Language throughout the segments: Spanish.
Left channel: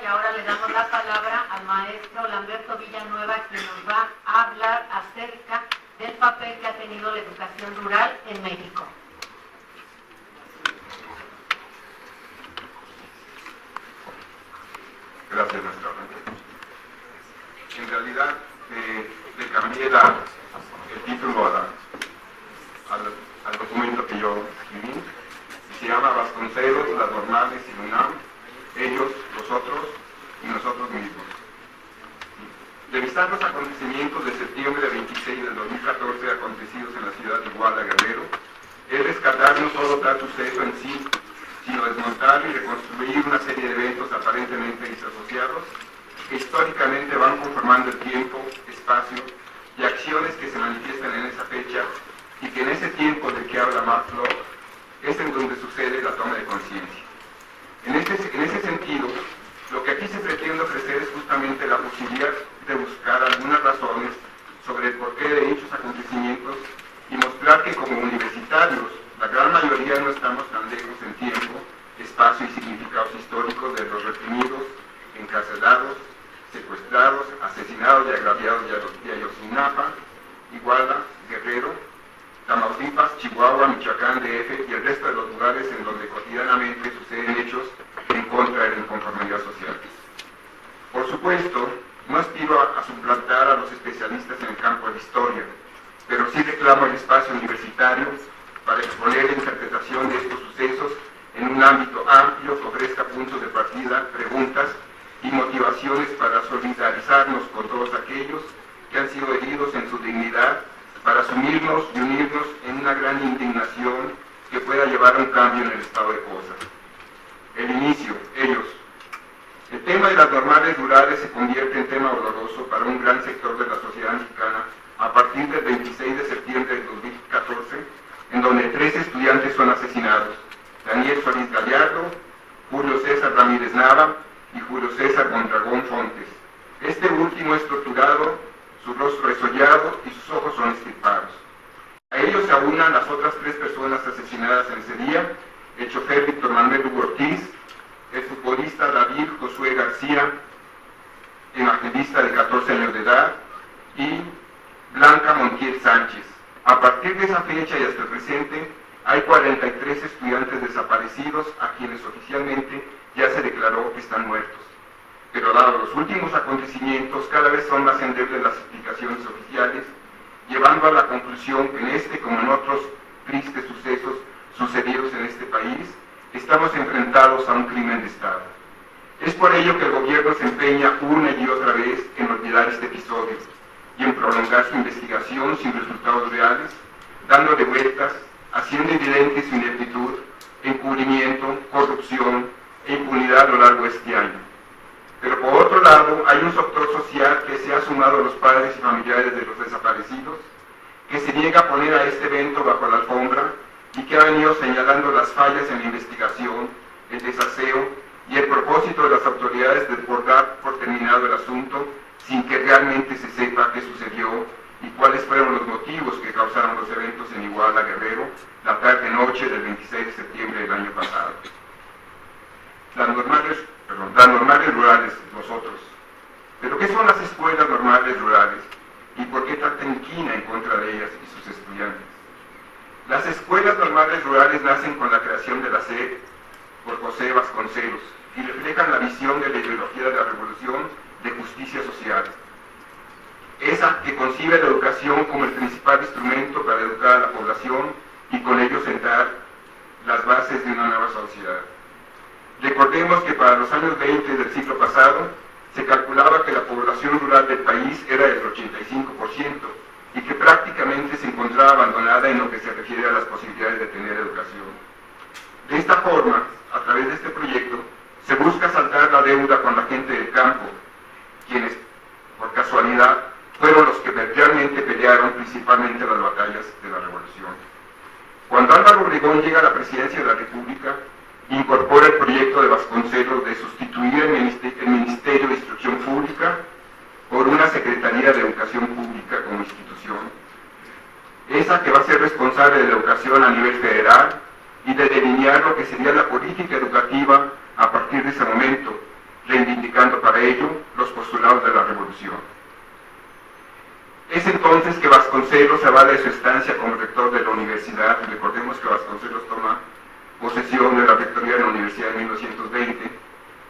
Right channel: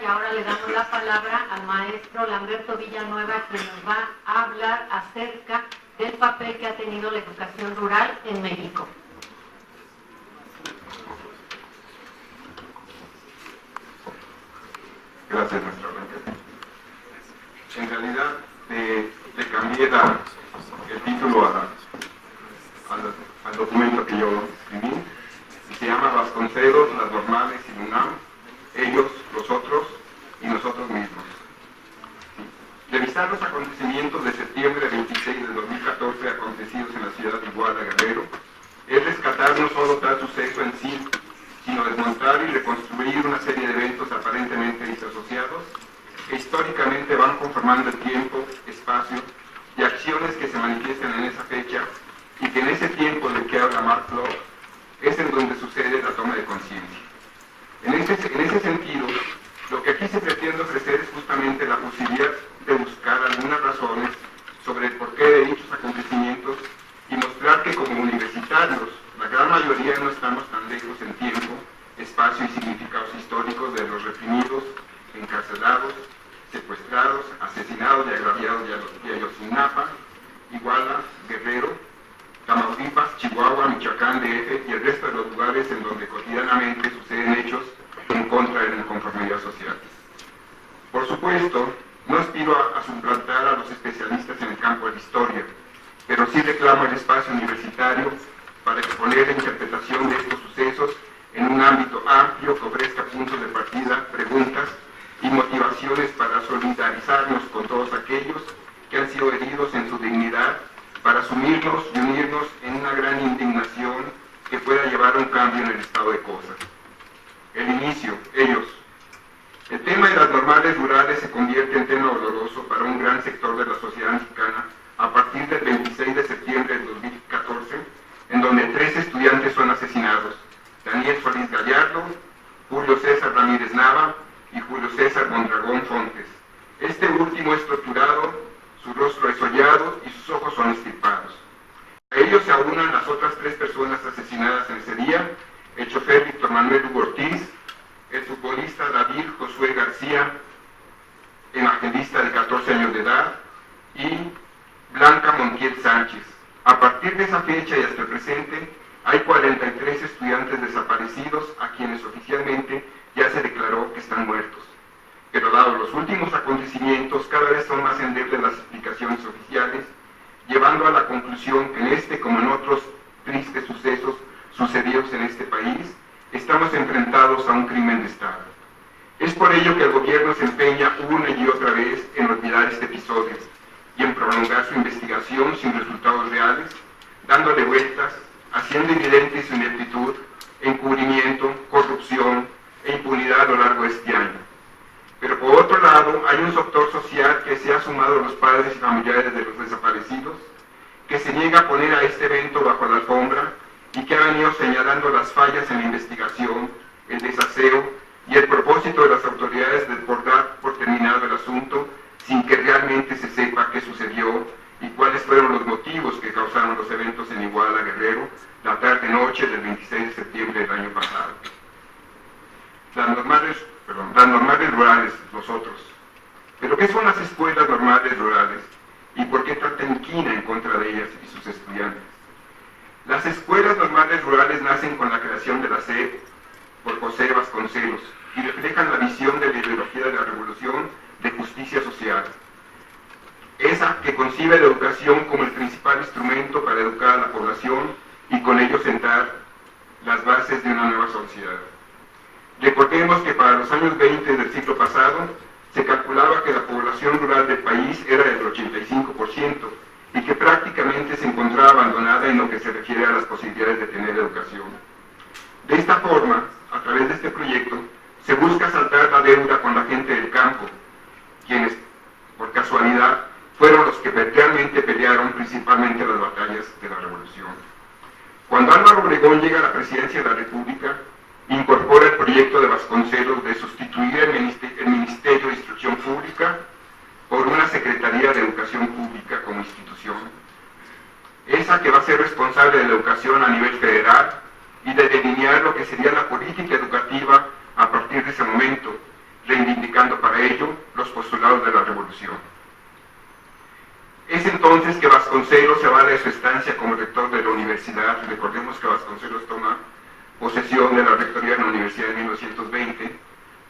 Y ahora le damos la palabra al maestro Lamberto Villanueva, quien nos va a hablar acerca del papel que ha tenido la educación rural en México. Gracias, nuestra Blanca. En realidad, le cambié el título al documento que yo escribí, y se llama Vasconcelos, las normales y UNAM, ellos, los otros y nosotros mismos. Revisar los acontecimientos de septiembre 26 de 2014 acontecidos en la ciudad de Iguala, Guerrero, es rescatar no solo tal suceso en sí, sino desmontar y reconstruir una serie de eventos aparentemente disasociados que históricamente van conformando el tiempo, espacio y acciones que se manifiestan en esa fecha y que en ese tiempo del que habla Mark Locke es en donde sucede la toma de conciencia. En ese sentido, lo que aquí se pretende ofrecer es justamente la posibilidad de buscar algunas razones sobre el porqué de dichos acontecimientos y mostrar que como universitarios, la gran mayoría no estamos tan lejos en tiempo, espacio y significados históricos de los reprimidos, encarcelados, secuestrados, asesinados y agraviados de Ayotzinapa, Iguala, Guerrero, Tamaulipas, Chihuahua, Michoacán, DF y el resto de los lugares en donde cotidianamente suceden hechos en contra de la inconformidad social. Por supuesto, no aspiro a suplantar a los especialistas en el campo de la historia, pero sí reclamo el espacio universitario para exponer la interpretación de estos sucesos en un ámbito amplio que ofrezca puntos de partida, preguntas y motivaciones para solidarizarnos con todos aquellos que han sido heridos en su dignidad, para asumirnos y unirnos en una gran indignación que pueda llevar a un cambio en el estado de cosas. El inicio, ellos. El tema de las normales rurales se convierte en tema doloroso para un gran sector de la sociedad mexicana a partir del 26 de septiembre de 2014, en donde 3 estudiantes son asesinados: Daniel Solís Gallardo, Julio César Ramírez Nava y Julio César Mondragón Fontes. Este último es torturado, su rostro es hollado y sus ojos son extirpados. A ellos se aunan las otras 3 personas asesinadas en ese día: el chofer Víctor Manuel Hugo Ortiz, el futbolista David Josué García, evangelista de 14 años de edad, y Blanca Montiel Sánchez. A partir de esa fecha y hasta el presente, hay 43 estudiantes desaparecidos a quienes oficialmente ya se declaró que están muertos. Pero dado los últimos acontecimientos, cada vez son más endebles las explicaciones oficiales, llevando a la conclusión que en este como en otros tristes sucesos sucedidos en este país, estamos enfrentados a un crimen de Estado. Es por ello que el gobierno se empeña una y otra vez en olvidar este episodio y en prolongar su investigación sin resultados reales, dándole vueltas, haciendo evidente su ineptitud, encubrimiento, corrupción e impunidad a lo largo de este año. Pero por otro lado, hay un sector social que se ha sumado a los padres y familiares de los desaparecidos, que se niega a poner a este evento bajo la alfombra y que ha venido señalando las fallas en la investigación, el desaseo y el propósito de las autoridades de dar por terminado el asunto sin que realmente se sepa qué sucedió y cuáles fueron los motivos que causaron los eventos en Iguala, Guerrero, la tarde-noche del 26 de septiembre del año pasado. Las normales rurales, nosotros. ¿Pero qué son las escuelas normales rurales? ¿Y por qué tanta inquina en contra de ellas y sus estudiantes? Las escuelas normales rurales nacen con la creación de la SED por José Vasconcelos y reflejan la visión de la ideología de la revolución de justicia social. Esa que concibe la educación como el principal instrumento para educar a la población y con ello sentar las bases de una nueva sociedad. Recordemos que para los años 20 del siglo pasado se calculaba que la población rural del país era del 85% y que prácticamente se encontraba abandonada en lo que se refiere a las posibilidades de tener educación. De esta forma, a través de este proyecto, se busca saldar la deuda con la gente del campo, quienes, por casualidad, fueron los que realmente pelearon principalmente las batallas de la revolución. Cuando Álvaro Obregón llega a la presidencia de la República, incorpora el proyecto de Vasconcelos de sustituir el Ministerio de Instrucción Pública por una Secretaría de Educación Pública como institución, esa que va a ser responsable de la educación a nivel federal y de delinear lo que sería la política educativa a partir de ese momento, reivindicando para ello los postulados de la revolución. Es entonces que Vasconcelos se va de su estancia como rector de la universidad. Recordemos que Vasconcelos toma posesión de la rectoría de la universidad en 1920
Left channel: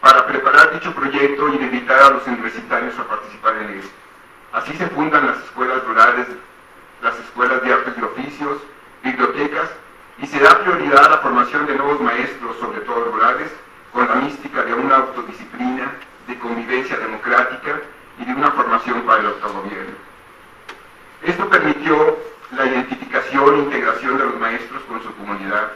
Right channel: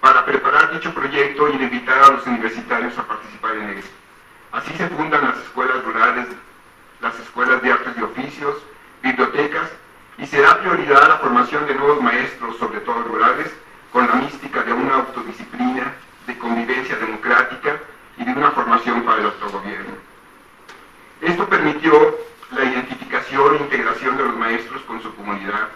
para preparar dicho proyecto y invitar a los universitarios a participar en él. Así se fundan las escuelas rurales, las escuelas de artes y oficios, bibliotecas, y se da prioridad a la formación de nuevos maestros, sobre todo rurales, con la mística de una autodisciplina, de convivencia democrática y de una formación para el autogobierno. Esto permitió la identificación e integración de los maestros con su comunidad,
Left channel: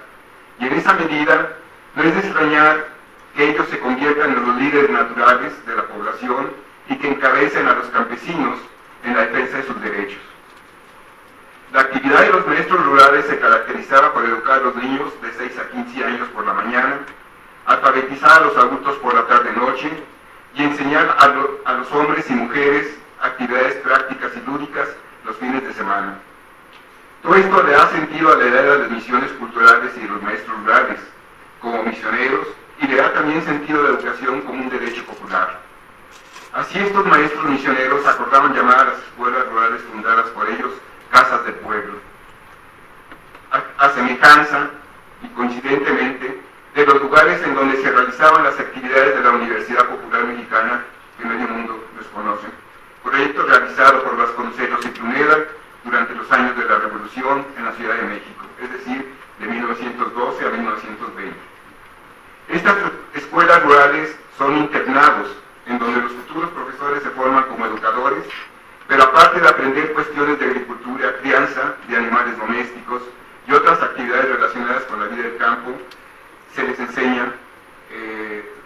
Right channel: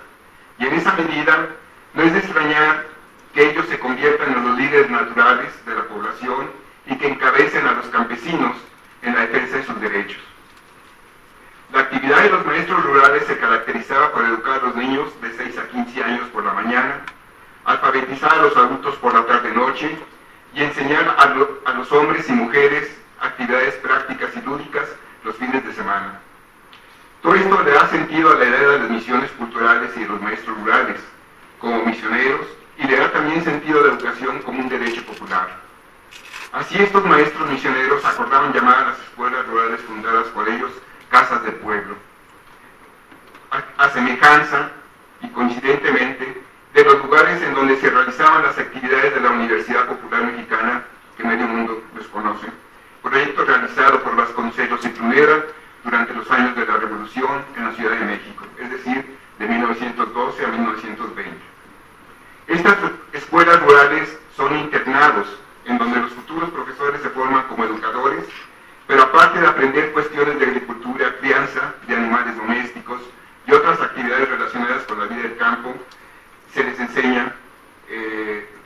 y en esa medida no es de extrañar que ellos se conviertan en los líderes naturales de la población y que encabecen a los campesinos en la defensa de sus derechos. La actividad de los maestros rurales se caracterizaba por educar a los niños de 6 a 15 años por la mañana, alfabetizar a los adultos por la tarde-noche y enseñar a los hombres y mujeres actividades prácticas y lúdicas los fines de semana. Todo esto le da sentido a la idea de las misiones culturales y de los maestros rurales como misioneros, y le da también sentido a la educación como un derecho popular. Así estos maestros misioneros acordaban llamar a las escuelas rurales fundadas por ellos casas del pueblo, a semejanza y coincidentemente de los lugares en donde se realizaban las actividades de la Universidad Popular Mexicana, que medio mundo los conoce, proyecto realizado por Vasconcelos y Pruneda durante los años de la Revolución en la Ciudad de México, es decir, de 1912 a 1920. Estas escuelas rurales son internados, en donde los futuros profesores se forman como educadores, pero aparte de aprender cuestiones de agricultura, crianza de animales domésticos y otras actividades relacionadas con la vida del campo, se les enseña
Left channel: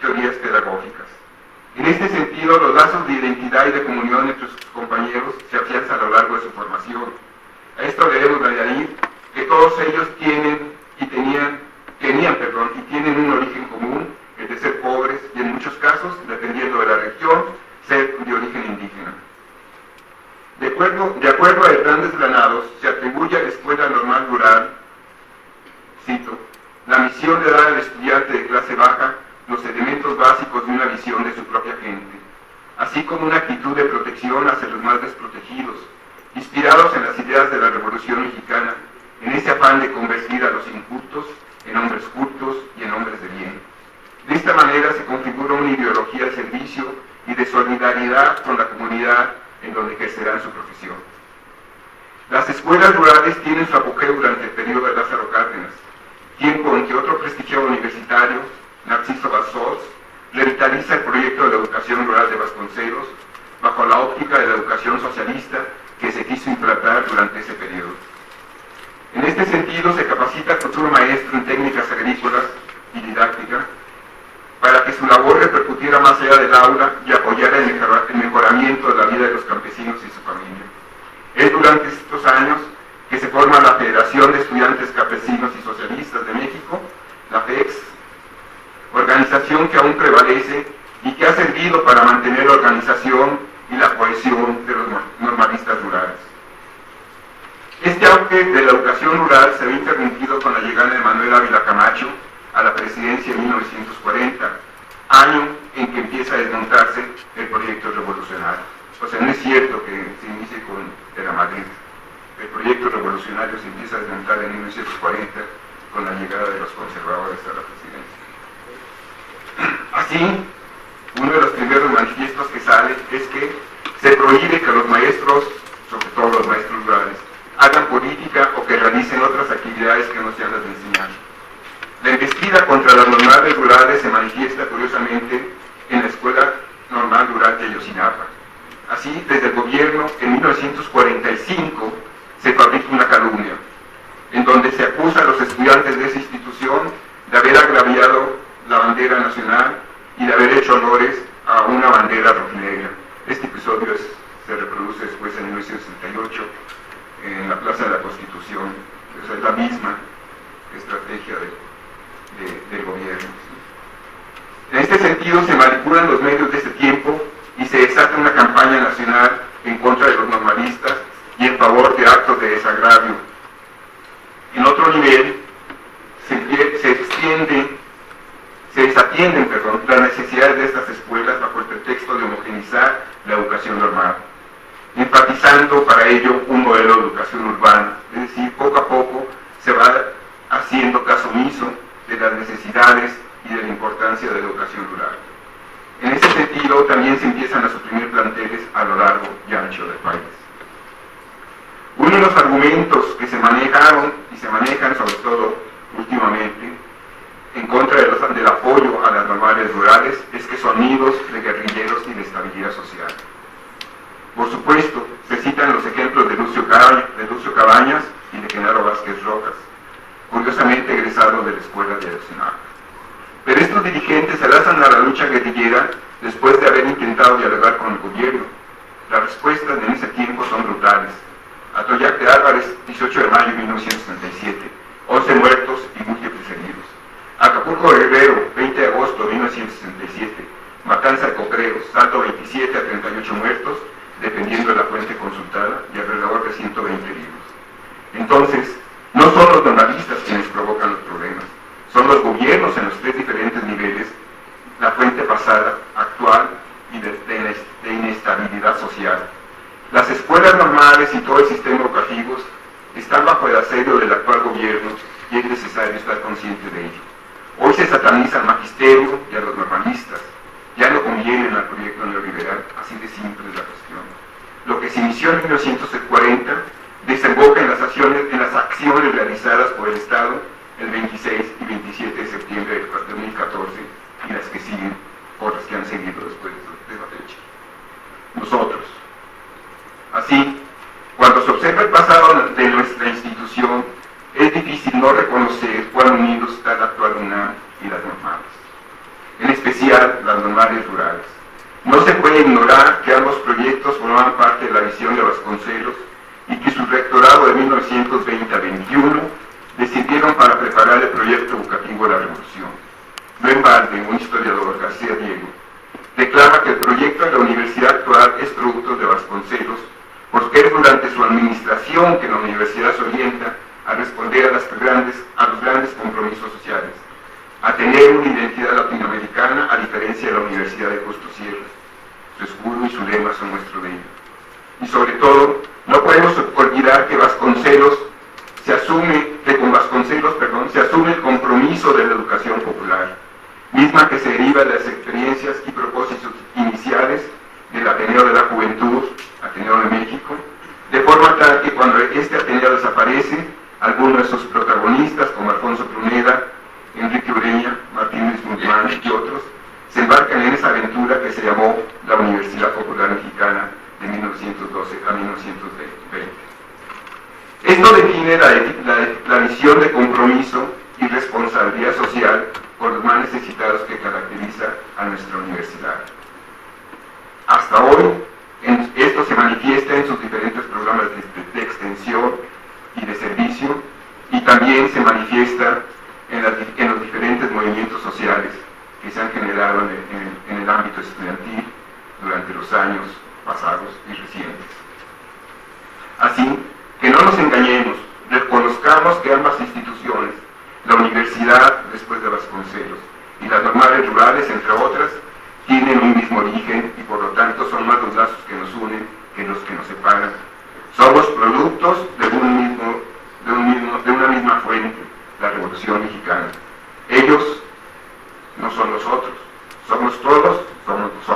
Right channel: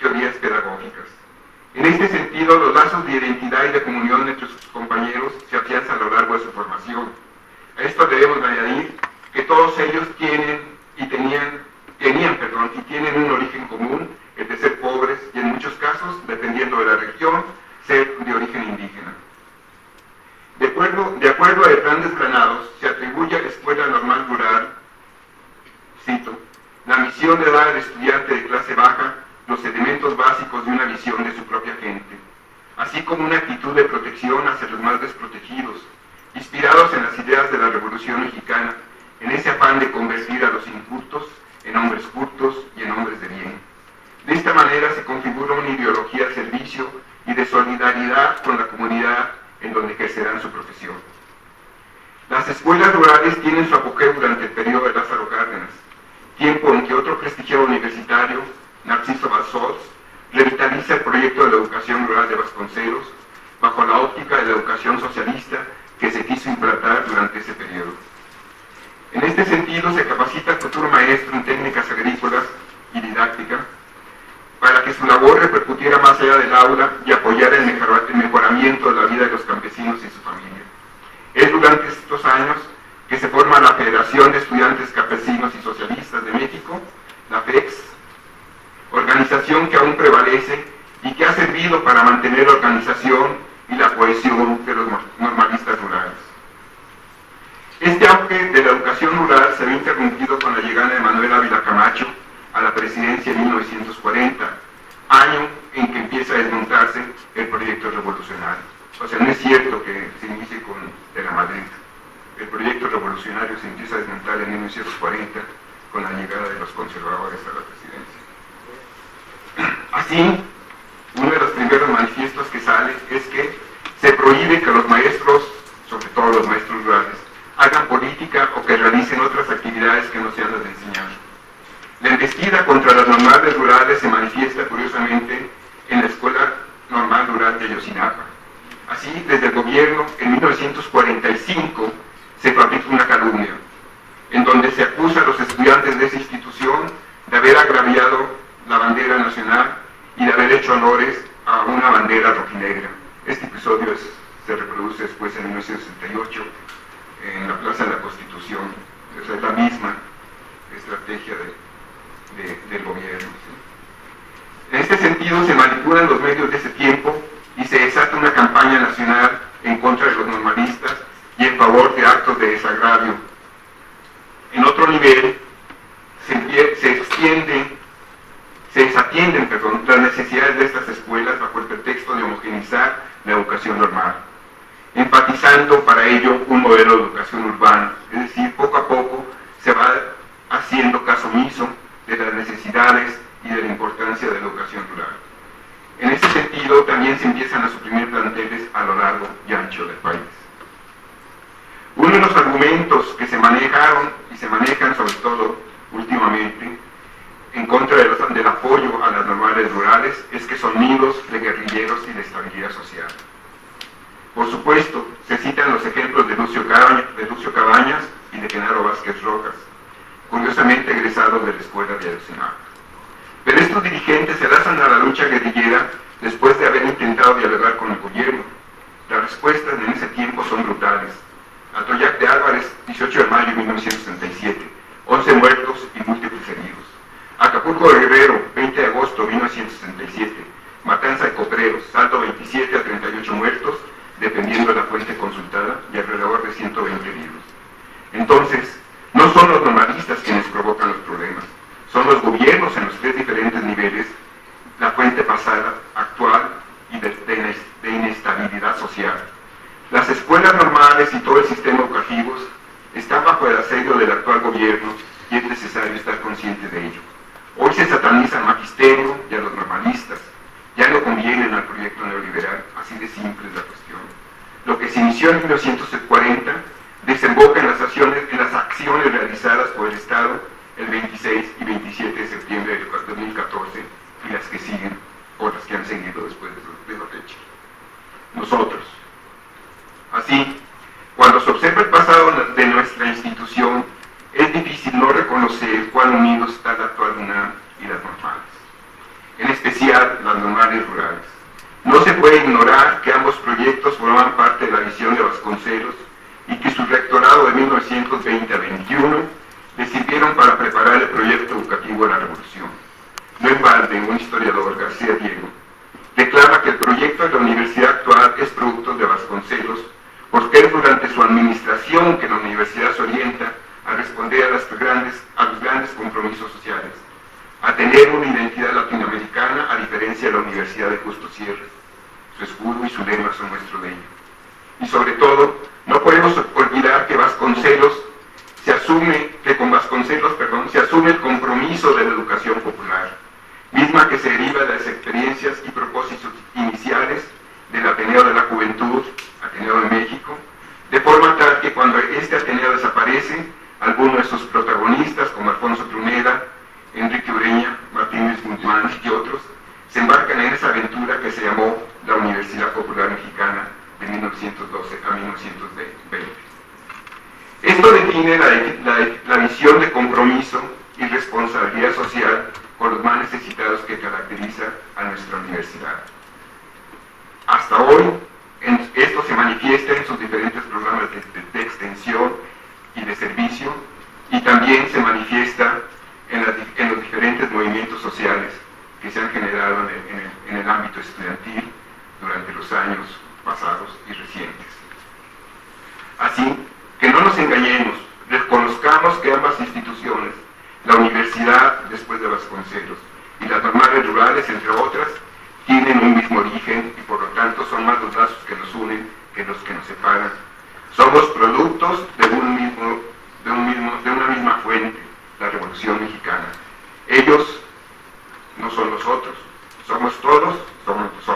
teorías pedagógicas. En este sentido, los lazos de identidad y de comunión entre sus compañeros se afianzan a lo largo de su formación. A esto debemos añadir que todos ellos tienen un origen común, el de ser pobres y en muchos casos, dependiendo de la región, ser de origen indígena. De acuerdo a Hernández Granados, se atribuye a la Escuela Normal Rural, cito, la misión de dar al estudiante de clase baja los elementos básicos de una visión de su propia gente, así como una actitud de protección hacia los más desprotegidos, inspirados en las ideas de la Revolución Mexicana, en ese afán de convertir a los incultos en hombres cultos y en hombres de bien. De esta manera se configura una ideología de servicio y de solidaridad con la comunidad en donde ejercerán su profesión. Las escuelas rurales tienen su apogeo durante el periodo de Lázaro Cárdenas, tiempo en que otro prestigioso universitario, Narciso Bassols, revitaliza el proyecto de la educación rural de Vasconcelos bajo la óptica de la educación socialista que se quiso implantar durante ese periodo. En este sentido, se capacita al futuro maestro en técnicas agrícolas y didáctica para que su labor repercutiera más allá del aula y apoyara el mejoramiento de la vida de los campesinos y su familia. Es durante estos años que se forma la Federación de Estudiantes Campesinos y Socialistas de México, la FEX, organización que aún prevalece y que ha servido para mantener la organización y la cohesión de los normalistas rurales. Este auge de la educación rural se ve interrumpido con la llegada de Manuel Ávila Camacho a la presidencia en 1940, año en que empieza a desmontarse el proyecto revolucionario. O sea, no es cierto que se inicie con Era Madrid. El proyecto revolucionario se empieza a desmontar en 1940 con la llegada de los conservadores a la presidencia. Así, uno de los primeros manifiestos que sale es que se prohíbe que los maestros, sobre todo los maestros rurales, hagan política o que realicen otras actividades que no sean las de enseñar. La embestida contra las normales rurales se manifiesta curiosamente en la Escuela Normal Rural de Ayotzinapa. Así, desde el gobierno, en 1945, se fabrica una calumnia, en donde se acusa a los estudiantes de esa institución de haber agraviado la bandera nacional y de haber hecho honores a una bandera rojinegra. Este episodio se reproduce después en 1968 en la Plaza de la Constitución. O sea, es la misma estrategia del gobierno, ¿sí? En este sentido se manipulan los medios de ese tiempo y se desata una campaña nacional en contra de los normalistas y en favor de actos de desagravio. En otro nivel, se desatienden las necesidades de estas escuelas modernizar la educación normal, enfatizando para ello un modelo de educación urbana, es decir, poco a poco se va haciendo caso omiso de las necesidades y de la importancia de la educación rural. En ese sentido, también se empiezan a suprimir planteles a lo largo y ancho del país. Uno de los argumentos que se manejaron y se manejan sobre todo últimamente en contra del apoyo a las normales rurales es que son nidos de guerrilleros y de estabilidad social. Por supuesto, se citan los ejemplos de Lucio Cabañas y de Genaro Vázquez Rojas, curiosamente egresados de la Escuela de Ayotzinapa. Pero estos dirigentes se lanzan a la lucha guerrillera después de haber intentado dialogar con el gobierno. Las respuestas en ese tiempo son brutales. Atoyac de Álvarez, 18 de mayo de 1967, 11 muertos y múltiples heridos. Acapulco de Guerrero, 20 de agosto de 1967, matanza de Copreros, saldo 27 a 38 muertos, dependiendo de la fuente consultada, y alrededor de 120 heridos. Entonces, no son los normalistas quienes provocan los problemas, son los gobiernos en los 3 diferentes niveles, la fuente pasada, actual y de inestabilidad social. Las escuelas normales y todo el sistema educativo están bajo el asedio del actual gobierno y es necesario estar consciente de ello. Hoy se sataniza al magisterio y a los normalistas, ya no convienen al proyecto neoliberal, así de simple es la cuestión. Lo que se inició en 1940 desemboca en las acciones realizadas por el Estado el 26 y 27 de septiembre de 2014 y las que siguen, o las que han seguido después de esa fecha. Nosotros. Así, cuando se observa el pasado de nuestra institución, es difícil no reconocer cuán unidos está la actual UNAM y las normales, en especial las normales rurales. No se puede ignorar que ambos proyectos formaban parte de la visión de Vasconcelos y que su rectorado de 1920 a 21 le sirvieron para preparar el proyecto educativo de la Revolución. No en balde, un historiador, García Diego, declara que el proyecto de la universidad actual es producto de Vasconcelos, porque es durante su administración que la universidad se orienta a responder a los grandes compromisos sociales, a tener una identidad latinoamericana a diferencia de la Universidad de Justo Sierra. Su escudo y su lema son nuestro lema. Y sobre todo, no podemos olvidar que con Vasconcelos se asume el compromiso de la educación popular, misma que se deriva de las experiencias y propósitos iniciales del Ateneo de la Juventud, Ateneo de México, de forma tal que cuando este Ateneo desaparece, algunos de sus protagonistas, como Alfonso Pruneda, Enrique Ureña, Martín Luis Guzmán y otros, se embarcan en esa aventura que se llamó la Universidad Popular Mexicana de 1912 a 1920. Esto define la visión de compromiso y responsabilidad social con los más necesitados que caracteriza a nuestra universidad. Hasta hoy, esto se manifiesta en sus diferentes programas de extensión y de servicio, y también se manifiesta en los diferentes movimientos sociales que se han generado en el ámbito estudiantil durante los años pasados y recientes. Así que no nos engañemos, reconozcamos que ambas instituciones, la universidad después de Vasconcelos y las normales rurales, entre otras, tienen un mismo origen y por lo tanto son más los lazos que nos unen que los que nos separan. Somos productos de una misma fuente, la Revolución Mexicana. Ellos no son nosotros, somos todos, somos nosotros.